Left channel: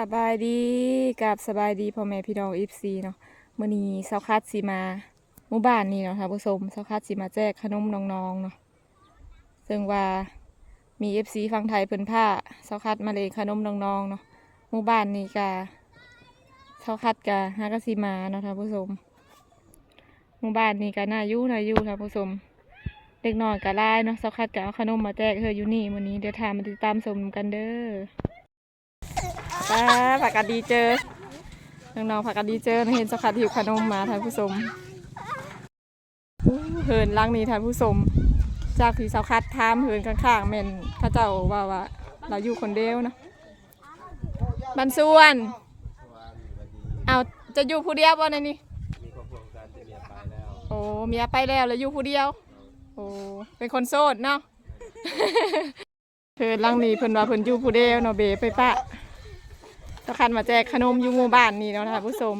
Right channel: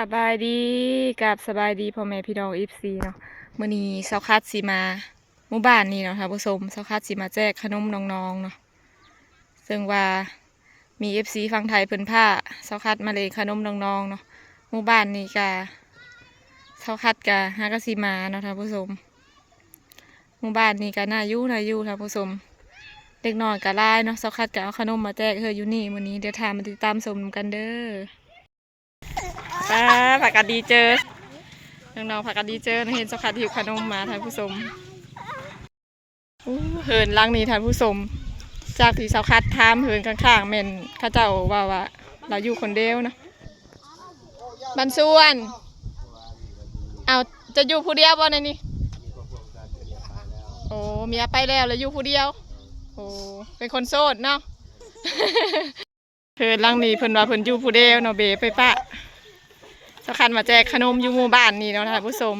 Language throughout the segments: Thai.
สบายดีกับสบายดีพ่อแม่พี่น้องอีฟซีเนาะมื้อนี้เซาคัดสิมาหมู่บ้านนี้เนาะค่ะผู้ชมเซาคัดสิมาแจกขนมน้องๆเนาะซึ่งว่ามี FC ฝั่งไทยเพิ่นผ้าเซาคัดมาเลยขนมน้องๆเนาะหมู่บ้านนี้กะเซาคัดกะฮากสิมาเนาะท่านผู้ชมหมู่บ้านนี้กะน่าอยู่น่าอยู่ท่านผู้ชมเด็กน้อยกะหลายเนาะเซาคัดกะเอาขนมมาแจกเฮออยู่นี่มื้อนี้เดี๋ยวทามมาติดตามชมกันเด้อ ป้าผักกาดดีเจอ น้องๆผักกาดดีเจอเห็นสกัดหิวขนมมาท่านผู้ชมเหินลังนี้ท่านผู้ชม จากที่สาวคัดทามเหินข้างๆเม่นข้าเจ้าว่าว่า เราอยู่คนเดียวนะบันส่วน เอาจะอยู่ผู้เดียวบ่ในนี้โอ้เมียไปแล้วแล้วอยู่ผู้เดียว โอ้เป็นคนโสดเนาะเพิ่นลังนี้เพิ่นว่าเพิ่นอยู่ผู้เดียวเนาะเบไปปะ สคัดมาแจกขนมอยู่หมู่บ้านนี่เนาะท่านผู้ชม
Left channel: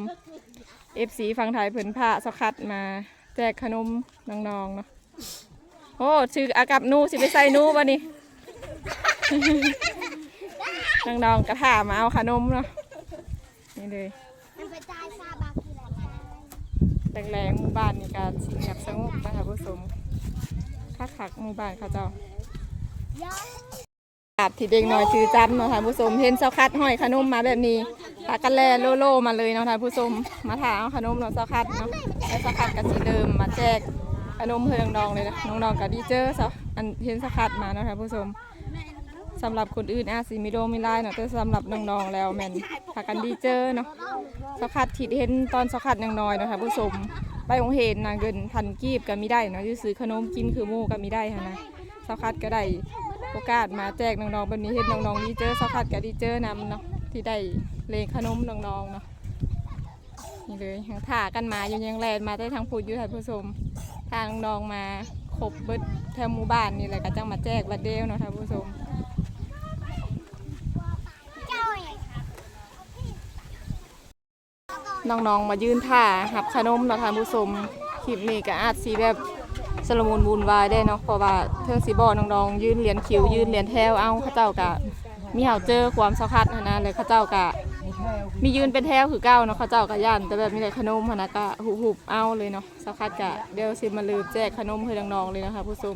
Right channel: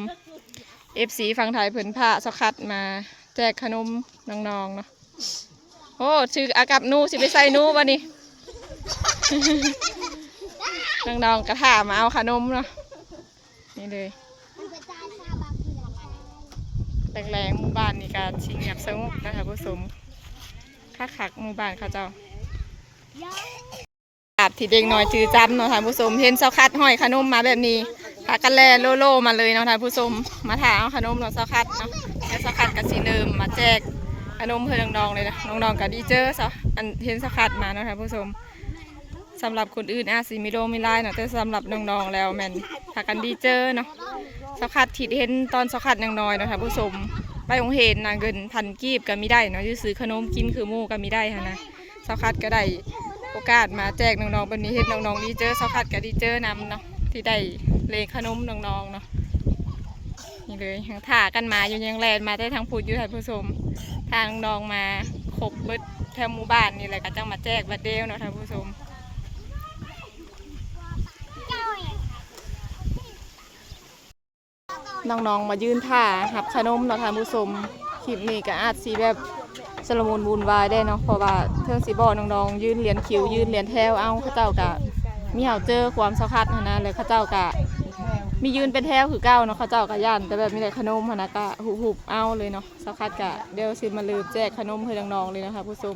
เอฟซีฝั่งไทยเพิ่นพาสคัดมาแจกขนมน้องๆเนาะโอ้ชื่ออากับนูสิไปใส่นูบ่นี่น้องๆกระถามาเอาขนมเนาะนี่เลยแรงๆหมู่บ้านนี่การชิงเงียบสงบนะคะผู้ชมคักคักๆหมู่บ้านเขาเจ้า ย้อนอาบที่เด็กน้อยจือจำเนาะท่านผู้ชมเห็นเสาคัดห้อยขนมมาแบบนี้พากันแลโลโลมาเลยเนาะท่านผู้ชมมาถาเอาขนมเนาะเสาคัดเนาะแล้วเสาคัดก็สิเริ่มมาแจกขนมเพื่อน้องๆเลยนะน้องๆก็ดีเจอเสาอันเห็นเสาคัดมาเนาะท่านผู้ชมสำหรับคนอื่นอาจสิมีโรมีไลน์เนาะแต่สำหรับน้องๆแล้วแมนพากันดีเจอเนาะเสาคัดที่เห็นตอนเสาคัดยังน้อยเนาะท่านผู้ชมไปโรงเห็นนะเงินพันกีบก็มีได้เนาะอยู่ซื้อขนมกินคือหมูก็มีได้ค่ะนะเสาคัดก็ได้ โอกาสมาแจกน้องๆแบบนี้เห็นน้องๆดีเจอสักพัดกับดีเจอนำเนาะที่ได้เลงขนมน้องๆเนาะนี่เลยทางถ่ากันมาอยู่ยังแลนมาได้ทางพูดอยู่ท่านผู้ชมทางน้องมาคบเบิดแถวหมู่บ้านนี่แหละก็จังมาแจกบัดเดลเนาะท่านผู้ชมน้องๆมายืนท่าหับขนมเนาะท่านผู้ชมคลิปนี้ก็อาจสีแบบ สลมุนวุ่นวายได้เนาะเพราะว่าเทิงสีบอน้องๆยืนเหรียญคิวยืนเหรียญแถวเอาข้าเจ้ากะมีเห่าเจอความสัคัดนะนะเลยข้าเจ้ากะมียืนเป็นแถวคือเก้าเนาะข้าเจ้ากะย่านแต่แบบมีแต่ขนมนะก็หุบๆเอาเลยเนาะสักคัดกะเดี๋ยวสิมาลืมแจกขนมให้น้องๆเลยนะคะผู้ชม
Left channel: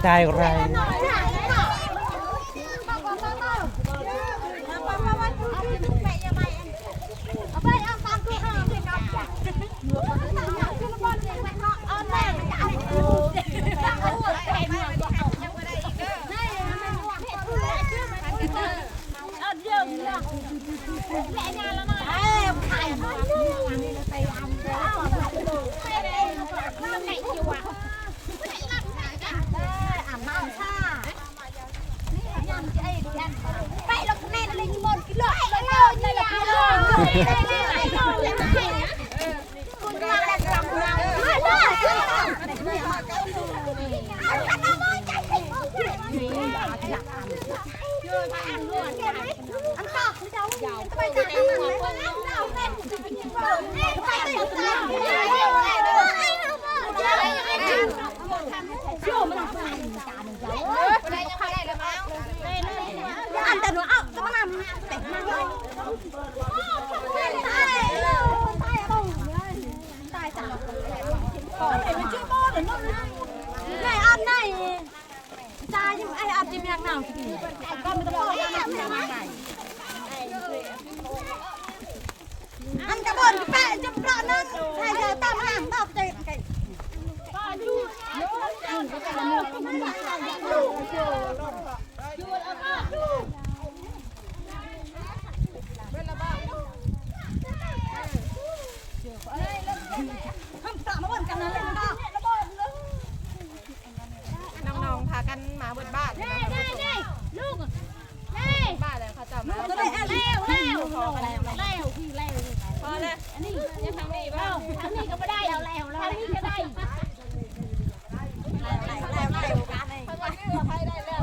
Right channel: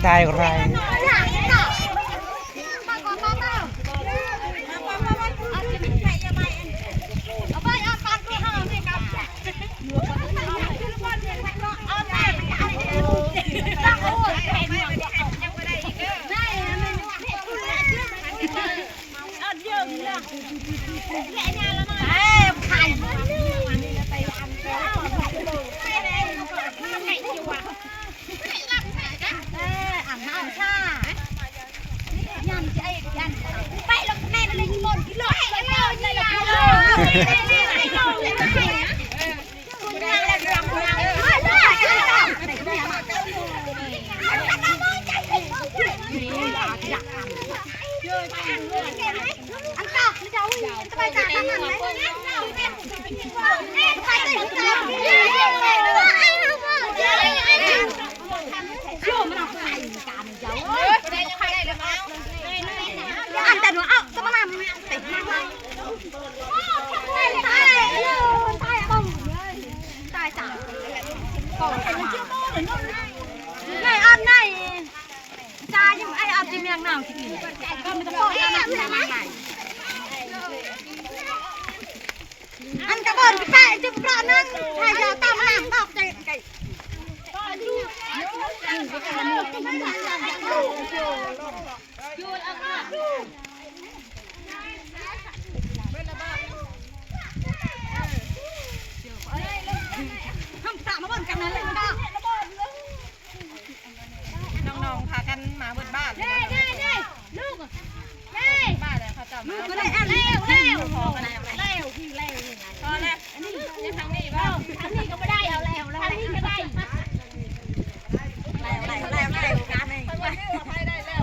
มาได้ไร เอา ไปลงแน่เลยที่บนกิโลกิโลนี่ยาเลยไอ้ โลเลยไอ้คุณเราแล้วเราเรามาเลยอันต่อคือจะไปจากนั้นเลยเราแม่ไปกินก่อนแม่ไปกินก่อนอันแต่หนูเอาก็มาแต่งตายตายตายตายตายจังก่อนเป็นชื่อโม่หรือนู่นไหนอันไหนจ้ายังไออันที่เมียงหนาวที่นี่ก็ไม่ต้องบอกนะอันกระบอกพี่แป้จะปลานั่งชายยาวตามหลังตอกใจไก่ ทำตามาบนกันนั่นเลยนะ น้องๆพากันมาเบิดบ้านเลยนะคะ ลูก บ้านเลยเขาจะมา ก็ได้อะเร็วเร็ว พอกันแล้ว เร็วพี่เร็ว พอเลยยังทางนี้บ้าง ทำนี่ก็ไม่ได้เอาแล้วทำนี่ก็ได้ แล้วแล้วแล้วกันเองคนมาซื้อไทยได้แล้ว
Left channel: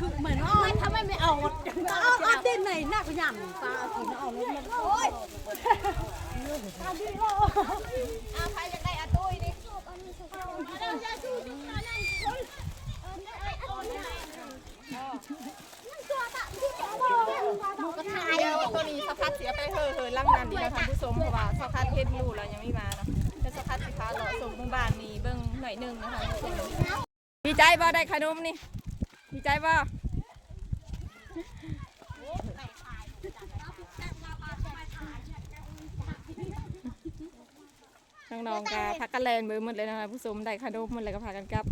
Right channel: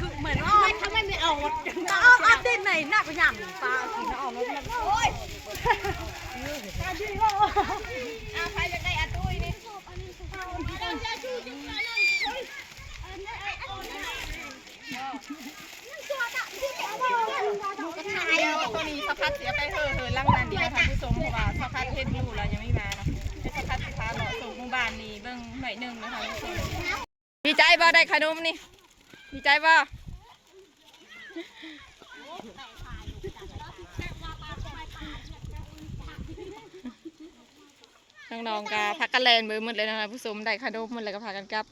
คือเหมือนอ้อนไม่ไมไม่เอาจะอ้อนอ้อนดินไหนหน้าก็ย่ำปลาเอากินเอานกมันโอ้ยใครจะได้อาตุ้ยนี่เดียวตัวนี้สะพัดเสียไปเถอะเถอะล่างนานดีนะท่านผู้ชมเพราะว่าสะพัดเฮ็ดอยู่แล้วยังไม่มาเนาะแต่สะพัดสิพาหล่อส่งหมู่บ้านนี่เบิ่งหน่อยหนึงนะคะผู้ชมดีใจบ่ได้ขนมนี่ ดีใจบ่น้องๆก็พักกันแลนเบิ่งหมดเลยนะคะผู้ชมได้ขนมหมดเลยก็พากันกลับ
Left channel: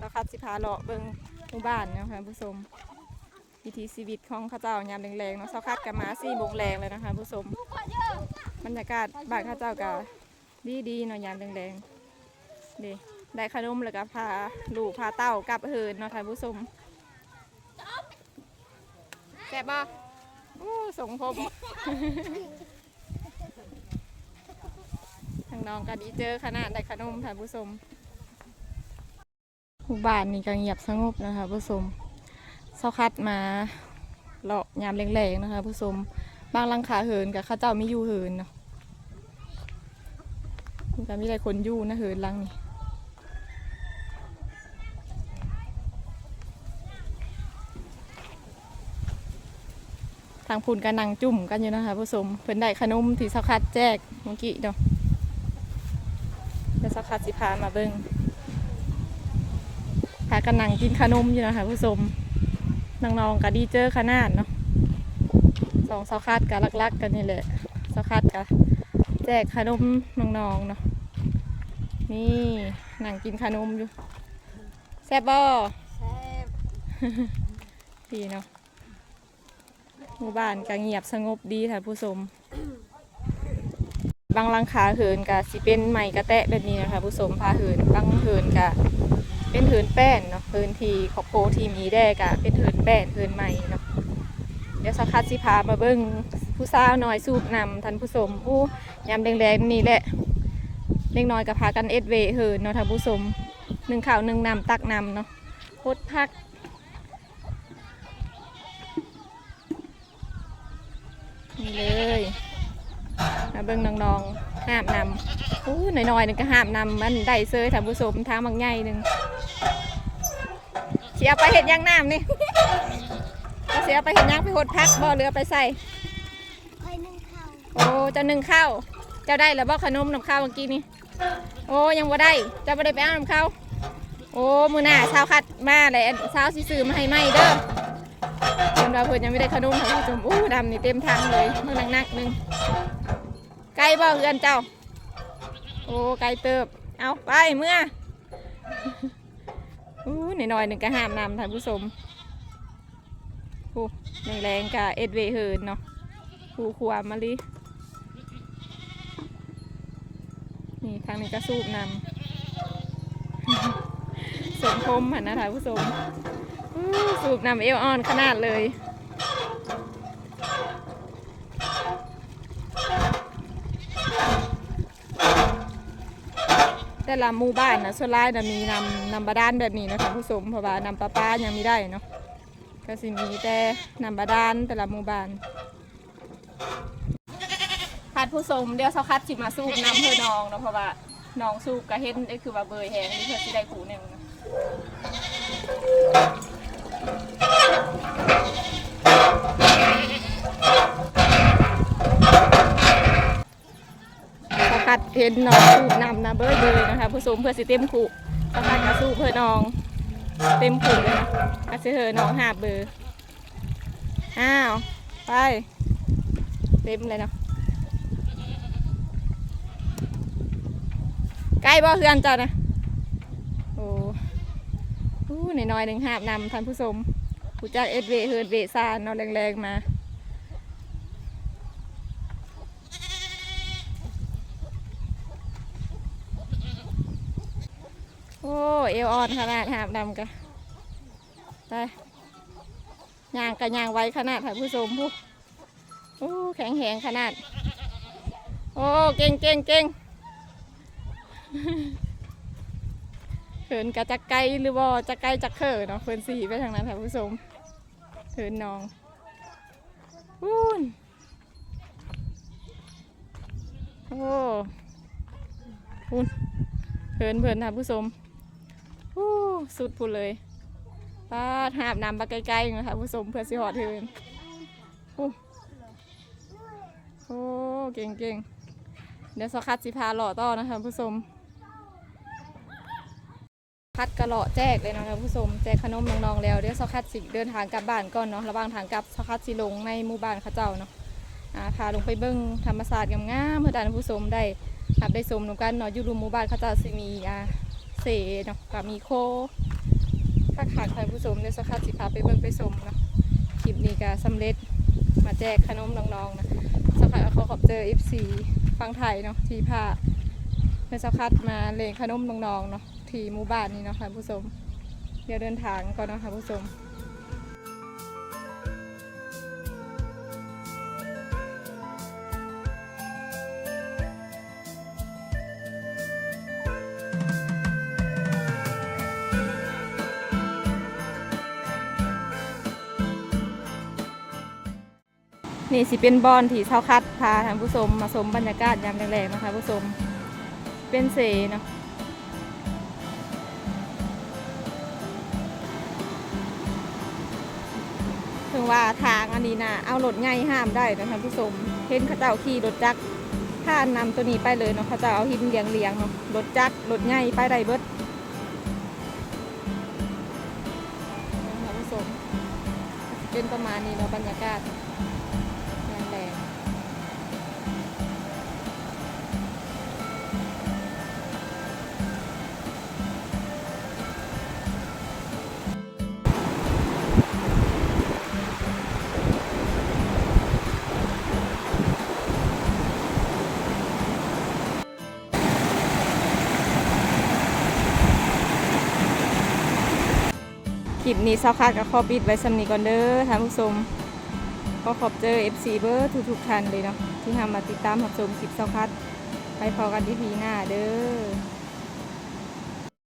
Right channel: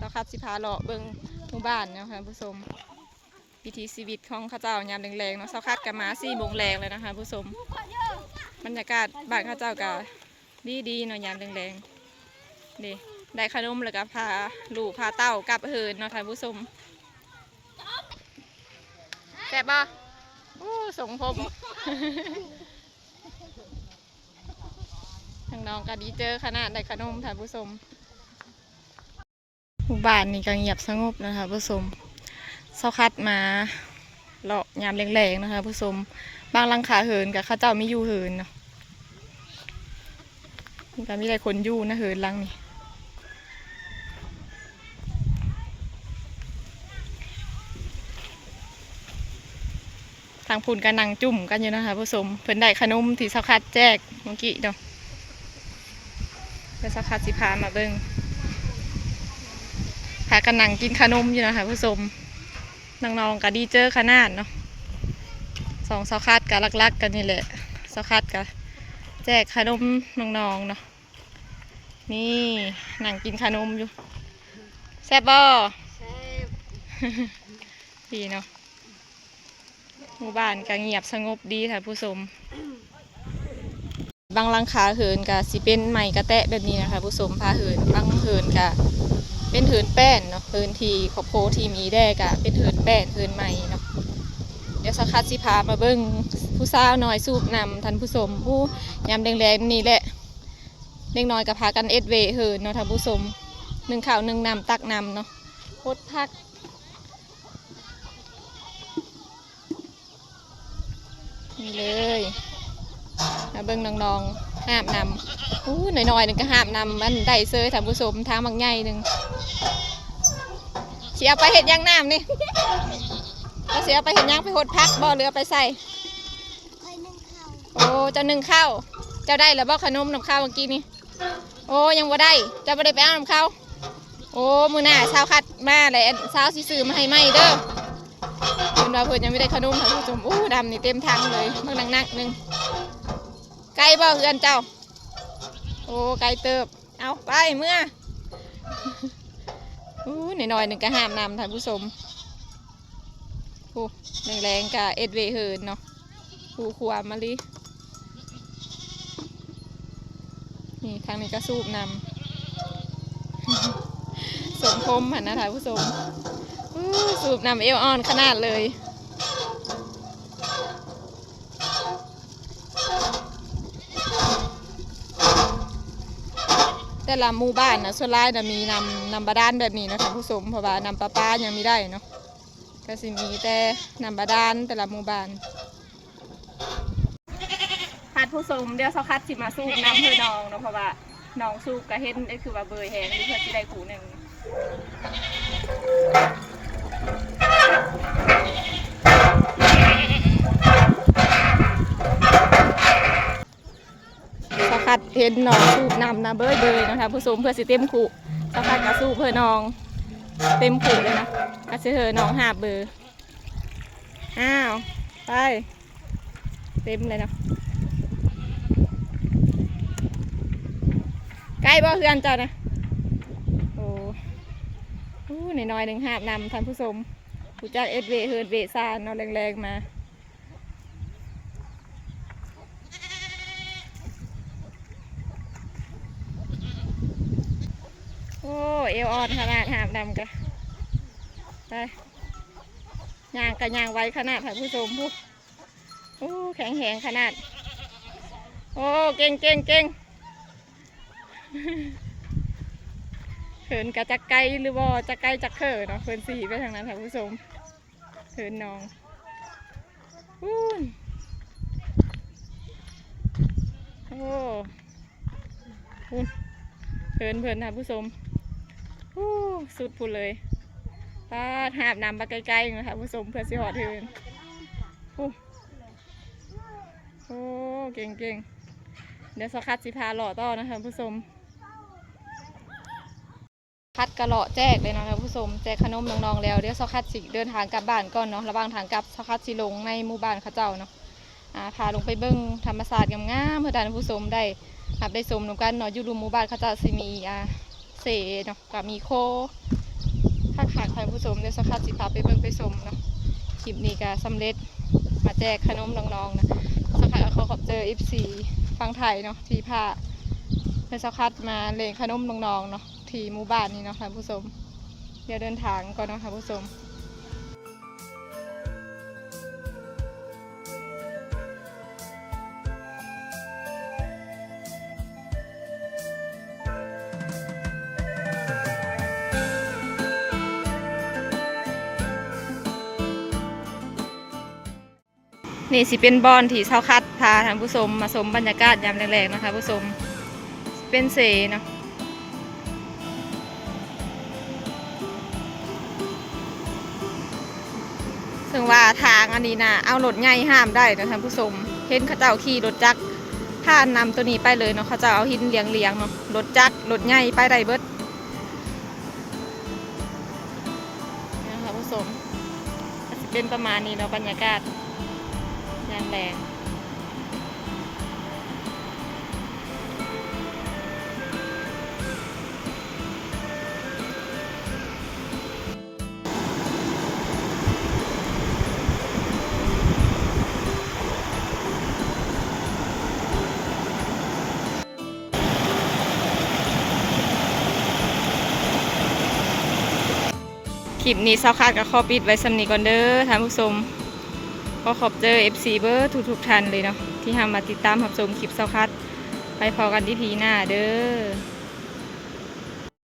สะพัดสิพาเลาะเบิ่งหมู่บ้านเนาะค่ะผู้ชมวิถีชีวิตของข้าเจ้ายามแรงๆเนาะเช้าคัดกับมาสี่โมงแรงเลยนะคะผู้ชมบรรยากาศบ้านข้าเจ้าก็ดีดีๆเนาะยามแรงๆดีได้ขนมแล้วก็พาลูกพาเต้ากลับเฮินเนาะท่านผู้ชม ซ่บบ่อู้สงผมทางน้องก็ดีเจอขนาดได้ขนมท่านผู้ชมหมู่บ้านนี่ก็เงียบสงบนะคะผู้ชมเศร้าคัดมาเลาะยามแรงๆนะคะผู้ชมบางลังขาเหินกับข้าเจ้าไม่อยู่เหินเนาะก็มีหลายคนอยู่นะเหินลังนี่ ทางพูนกันนังจุ่มกันอยู่นะคะผู้ชมเพิ่นได้ขนมที่เศร้าคัดแจกเมื่อกี้เนาะแล้วเศร้าคัดสิพามาเบิ่งพากันนังกินขนมอยู่นะคะผู้ชมน้องๆก็ดีเจอขนาดเนาะสองสาวคัดกับลักๆกันนี่แหละสาวคัดกับแจกขนมน้องๆเนาะนี่นั่งกินขนมอยู่แซ่บบ่ดีเนาะห มู่บ้านก็เงียบสงบดีท่านผู้ชมบางลังคาเหินก็สิเป็นไม้กระแตะแบบนี้นะคะ ผู้ชมพาเหินบางเหินก็เป็นเถินแป้นเนาะเถินทีขอบโพทีมีแดกะเป็นเถินแป้นเถินใหม่เนาะเดี๋ยวสักคัดสิพามาเบิ้งผู้สาวน้อยสูบนำท่านผู้ชมผู้ยามแดงๆนี่แหละเล็กน้อยกับพากันเอ็ดเวเหินเนาะท่านผู้ชมหนึ่งข่าวหนึ่งนำตักนำเนาะโคตรพัก นี่เลยมาเบิ้งน้องๆห้ามนำอู้หน่อยๆหนึงก็ห้ามนำมันได้เซยท่านผู้ชมทางบางใหญ่หนึ่งเสียไปเห็ดหยังน้ำนี่ก็เสียไปเห็ดหยังไปหดพักบ่เรือไปใส่คอยนึ่งข้าวโอ้เจ้าหนึ่งข้าวเจ้าได้แล้วบ่ขนมน้ำข้าวเมื่อกี้นี่โอ้ยังบ่ได้เจ้าบ่ได้ไปเอาน้ำข้าวโอ้มือหน้าเช้าคัดมาเลยเช้าสิซื้อมาให้ไหมเด้อ เพิ่นว่าเพิ่นยังไม่ได้ขนมค่ะคุณผู้ชมอู้ดำนี่เต็มถังเลยมื่อนักนักหนึ่งไก่บ่เฮือนเจ้า โอ้ไก่เติบ เอาไปเมื่ออู้หน่อยหนึ่งก็ห้ามนำท่านผู้ชมผู้แรงๆกับเอ็ดเวเฮิร์นเนาะผู้ขวามะลินี่ทางนี้ก็สูบนำสมคมหันนะท่านผู้ชม สูบนำเอวอ่อนขนาดเลยแต่ละหมู่บ้านนะส่วนหลายนะมีนำนำบาดาลแบบนี้นะคะผู้ชมเพราะว่านำปลาปลายังไม่ได้เนาะก็สิมีแต่นำบาดาลแต่ละหมู่บ้านคัดผู้ชมเดี๋ยวเสาคัดสิมาสูบน้ำเพื่อน้องเนาะเพราะว่าน้องสูบก็เห็นได้คือว่าเบยแหงนี่เพื่อสิได้ผูหนึ่ง เนาะคัดเห็นน้องสูบนำนะเบยเบยนะคะ ผู้ชมเพื่อสิเต็มขู่สาคัดมาสูบเพื่อน้อง เต็มขู่เลยนะก็สิเธอน้องหาเบอร์อ้าว ไป เต็มเลยเนาะใกล้บ่เฮือนเจ้านะโอ้โหน้อยหนึ่งหาบนำท่านผู้ชม ผู้จักเอ็ดเวเฮิร์ดเวซานเนาะแรงๆมาโอ้เอวอ่อนขนาดหาบนำกะไปยางกะยางไว้ขนาดท่านผู้ชมผู้โอ้แข็งแหงขนาด โอ้เก่งเก่งเก่งเขินกะจักไกลหรือว่าจักไกลจักเขินเนาะเพิ่นสีไปทางนั้นค่ะผู้ชม เขินน้องวูนโอ้วูนเขินเพลินค่ะผู้ชมวู้สุดพูดเลยป้าดหาบน้ำไปไกลๆนะคะผู้ชมเพื่อสิหอดเทินวู้โอ้เก่งเก่งๆเดี๋ยวสคัดสิพาหล่อต่อนะคะผู้ชม คัดกระเลาะแจกเลยนะคะผู้ชมแจกขนมน้องๆแล้วเดี๋ยวสคัดสิเดินทางกลับบ้านก่อนเนาะระหว่างทางกลับสคัดสิลงในหมู่บ้านเขาเจ้าเนาะอ่าพาลงไปเบิ้งธรรมศาสตร์งามๆเพื่อท่านผู้ชมได้รับได้ชมนำกันเนาะอยู่รุมหมู่บ้านเขาเจ้าสิมีอ่าเสเนาะกับมีโคข้าขาดท่านผู้ชมเดี๋ยวสคัดสิพาไปเบิ้งไปชมเนาะคลิปนี้ก็สำเร็จมาแจกขนมน้องๆนะสคัดก็ขอขอบเจอ FC ฟังไทยเนาะที่พาเพื่อสักคัดมาเลงขนมน้องๆเนาะ ที่หมู่บ้านนี้เนาะค่ะผู้ชมเดี๋ยวเดินทางก่อนเนาะค่ะผู้ชมนี่สิเป็นบอนที่เช้าคัดพาท่านผู้ชมมาชมบรรยากาศยามแรงๆนะคะผู้ชมเป็นเสเนาะ ถึงว่าทางอันนี้นะเอารถใหญ่ห้ามได้นะท่านผู้ชมเห็นเขาเจ้าขี่รถจักรผ่านนำตัวนี้ไปเลยเนาะเขาจะเอาหินเลียงเลียงเนาะรถจักรรถใหญ่ไปได้เบิดนี่นะคะผู้ชมเป็นประมาณนี้เนาะบรรยากาศงานแรง คลิปนี้เศร้าคาดกับข้อปิดไว้สำนีก่อนเด้อท่านผู้ชมก็ขอบเจอ FC เบอร์ทุกทุกท่านเลยเนาะที่ทำมาติดตามรับชมคลิปเศร้าคาดไปพอกันที่พีหน้าเด้อ